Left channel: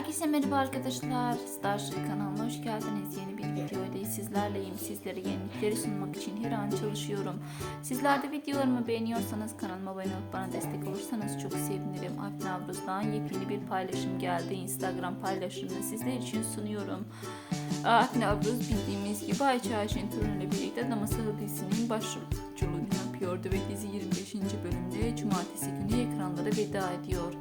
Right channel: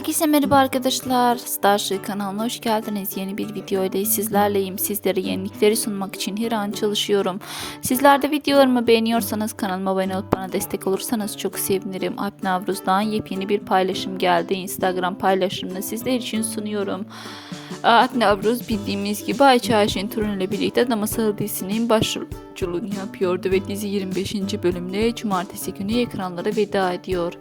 Herkese merhaba arkadaşlar. Starship kanalına hoş geldiniz. Yeni bir video ile sizlerleyim. Sizlere yenilikleri sunmak için her an çalışıyorum. Sizler de videolarımı beğeniyorsanız kanalıma abone olup bana destek olursanız çok sevinirim. Alp Navruz'dan yepyeni bir paylaşım geldi. Instagram paylaşımını sizler için sunuyorum. Alp Navruz bildiğimiz gibi Ayça Ayşen Turun ile birlikte Ada Masalı dizisinin başrolculuğunu yapıyordu ve dizi 25. bölümde cumartesi günü ekranlara veda ediyor.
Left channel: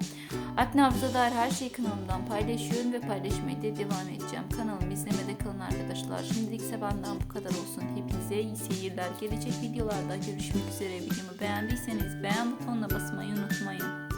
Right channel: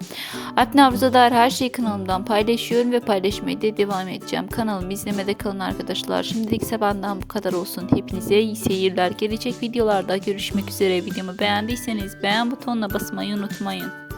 Alp Navruz'a dair her şeyi kanalımdan paylaşıyorum ve paylaşmaya da devam edeceğim. Kanalımı izlemede kalın arkadaşlar. Şimdilik ise benden bu kadar olsun. Hepinize iyi seyirler. Gelecek videolarda görüşmek üzere. Videomu beğendiyseniz beğen butonuna basmayı unutmayın.